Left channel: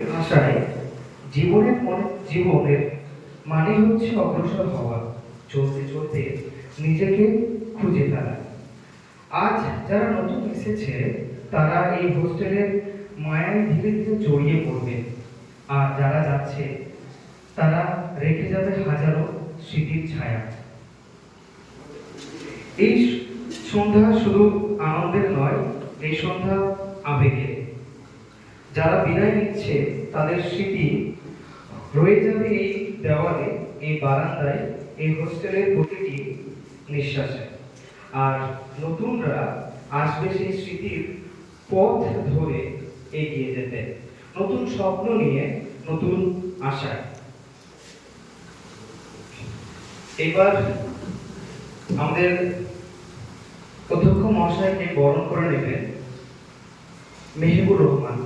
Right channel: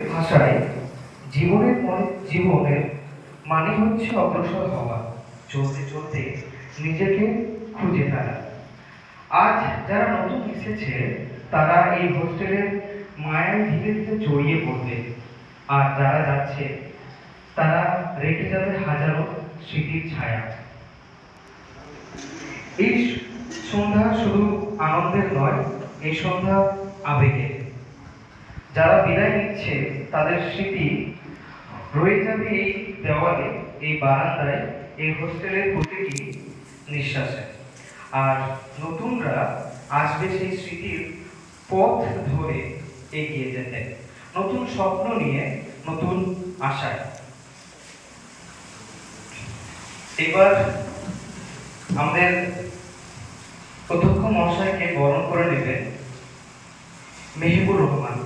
ভাষায় জীবনের মানে হচ্ছে অগ্রসর হওয়া, চলতে চলতে নিজেকে খুঁজে ফেলা। আজ যারা নতুন এসেছে তারা এই হোস্টেলের মায়ায় ধীরে ধীরে জড়িয়ে পড়বে, আর যারা যাচ্ছে তারা রেখে যাবে হাজারো স্মৃতির ছায়া। এই সন্ধ্যা শুধু আনন্দের নয়, এই সন্ধ্যা আবেগের। যারা বিদায় নিচ্ছে তাদের স্মৃতি রয়ে যাবে এই দেওয়ালে, এই বারান্দায়, এই হোস্টেলের প্রতিটি নিঃশ্বাসে। আর নতুনরা আসবে সেই স্মৃতির পথ ধরে এগিয়ে যেতে, নতুন স্বপ্ন নিয়ে, নতুন আশায়। এবার আমাদের অধ্যক্ষ মহাশয়কে বরণ করে নেবেন মেহেবুর রহমান।